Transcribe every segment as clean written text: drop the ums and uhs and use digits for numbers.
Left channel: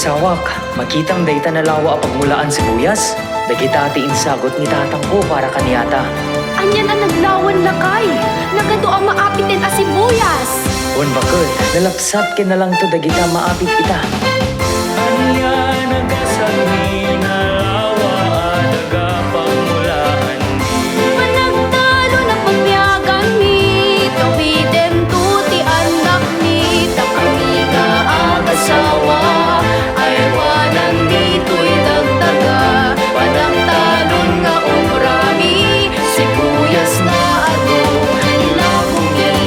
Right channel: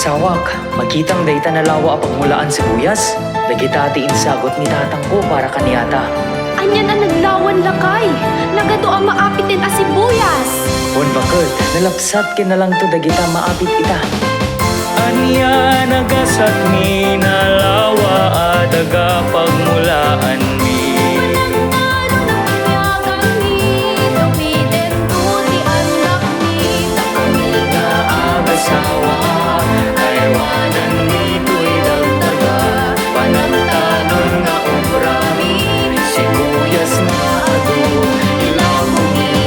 Sawak, makitang dayta na lawa pagmulaan sibuyas. Dagita ati insagot ni tatang ko para kaniyata. Anyan ang naglawan lakay. Nagado ang maapitin a sibuyas. Wan bakit, nalapsat kin na lang to dagita maapit ita. Anya nagasat mi nalawa adaga pagmulaan mi. Panagtalo na pagbiyagan ni. Tawiden tuti anak ni. Takami nga agasawa. Aywanan nito'y dagdaga. Panagtalon nga obrami. Sibuyas nga ado ilakungi.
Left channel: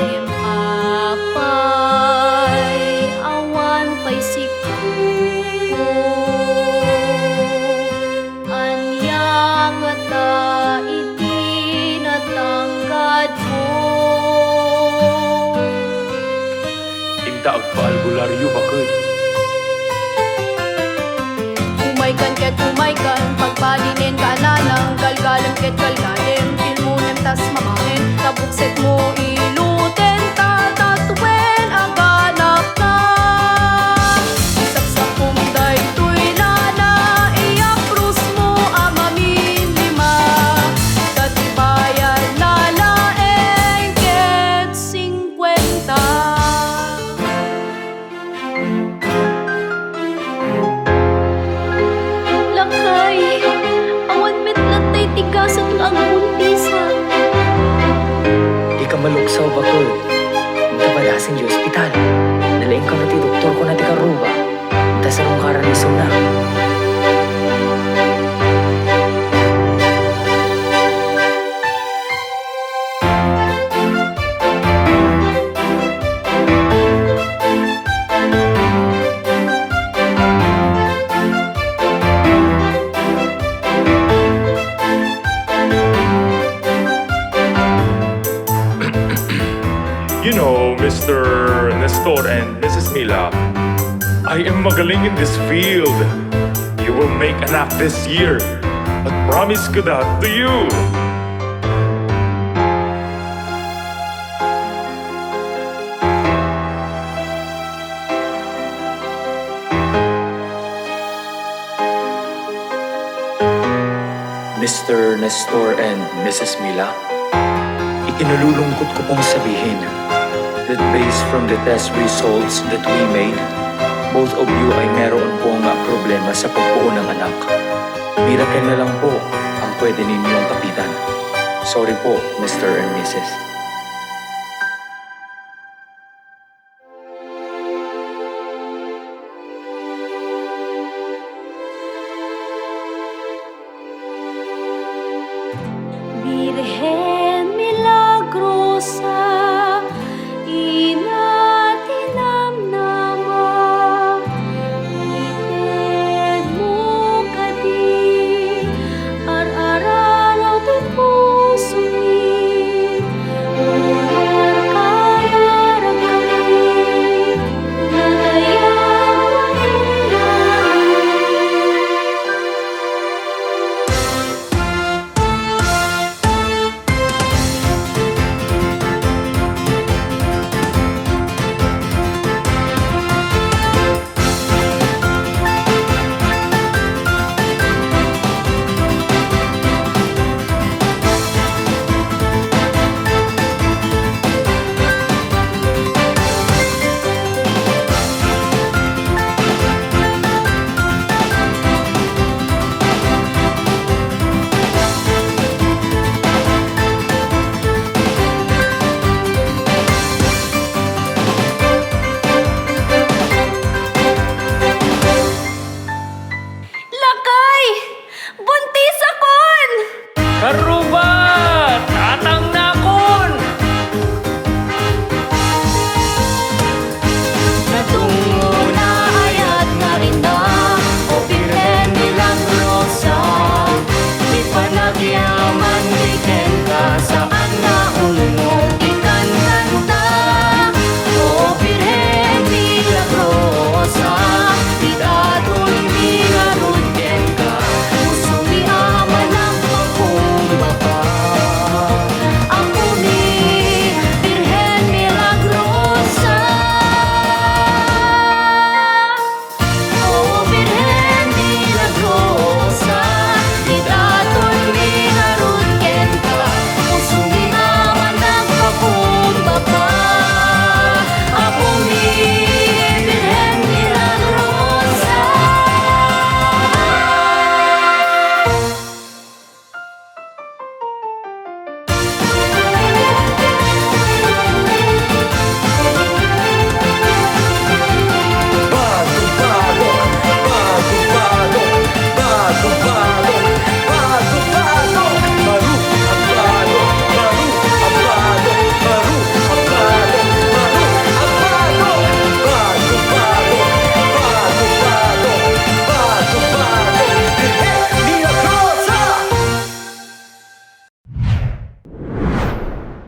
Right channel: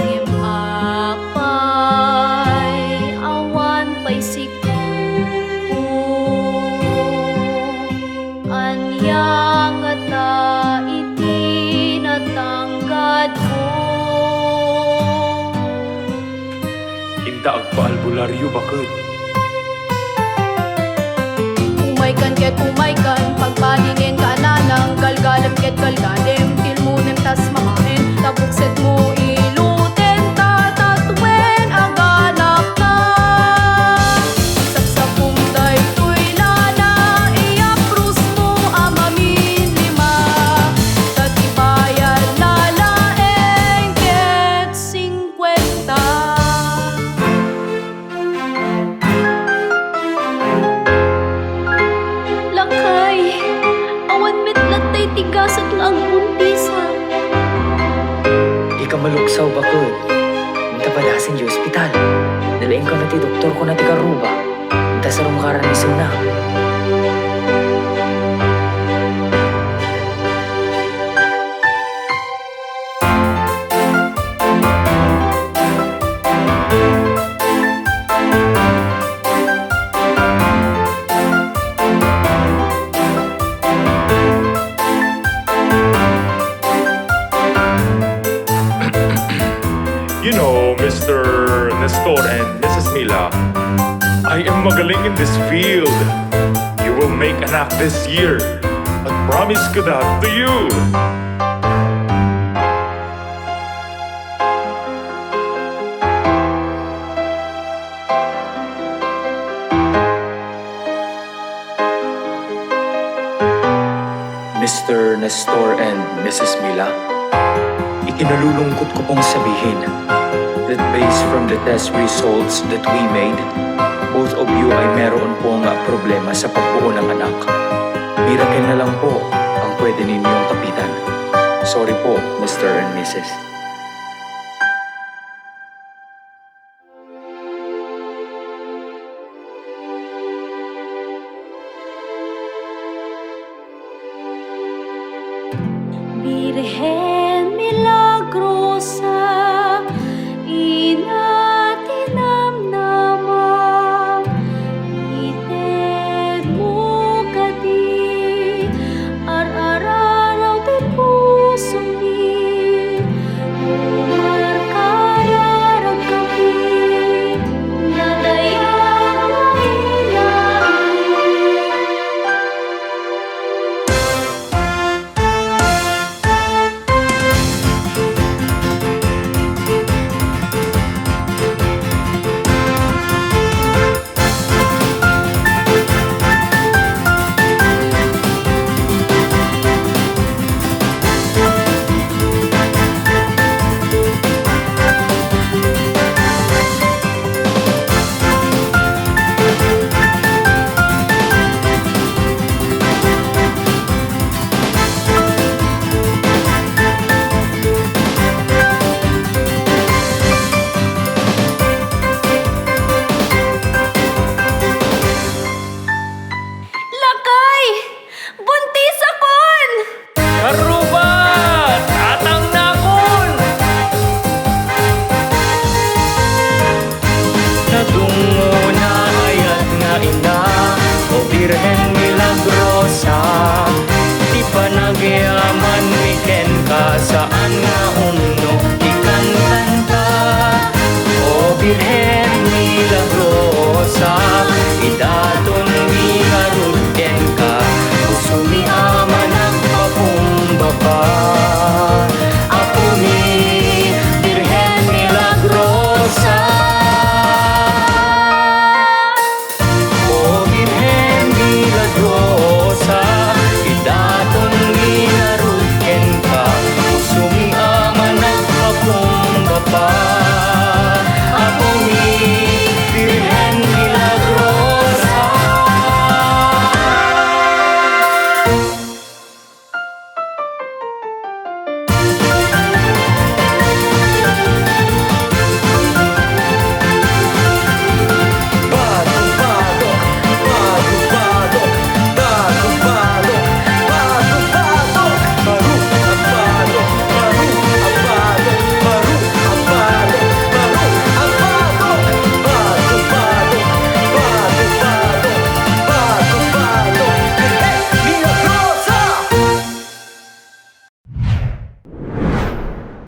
Ngempapay awan pa'y siku. Anya nga ta iti natanggad ko. Inta agpaalbularyo bakit? Umaykan ket umaykan, pagbalinin ka na ng galgalem ket galgalem. Tilmunem tas mamahen, tabukset mo iluten, tatatwen aganak na. Sapsapum daytoy lana, iaprus mo amamin lima. Tatibayan na laeng ket 50. Lakay, awan metlatay tigasat nga ang buntisa. Di ka maluksaw bakit? Inta padasin di ospital. Nalaing ka na ti doktor ko na ti karuba. Inta sarong karan ni Suna. You know, Mr. Nestor and Mrs. Mila, I am magaling in this field. You will make anak this year. At promise ko that to you. Mr. Nestor and Mrs. Mila, ikinalulungkot ko pong sabihin that based from the test results that we made, both of you ay meron pong problema sa pagbuo ng anak. Miracle na lang po ang pwede ninyong kapitan. Sorry po, Mr. and Mrs. Birhen milagrosa, ina tinamnama, ited mo kadi, ar-araraw ti puso mi, umar kararag kami, nadayag na ilalim. Lakay! Buntis akon! Karuba! Tatang nakon! Nadungo na ayat nga ina, o Birhen milagrosa. Di pa nagyaman weekend ka, saan nga ikan kanta. O Birhen milagrosa, idaton di nga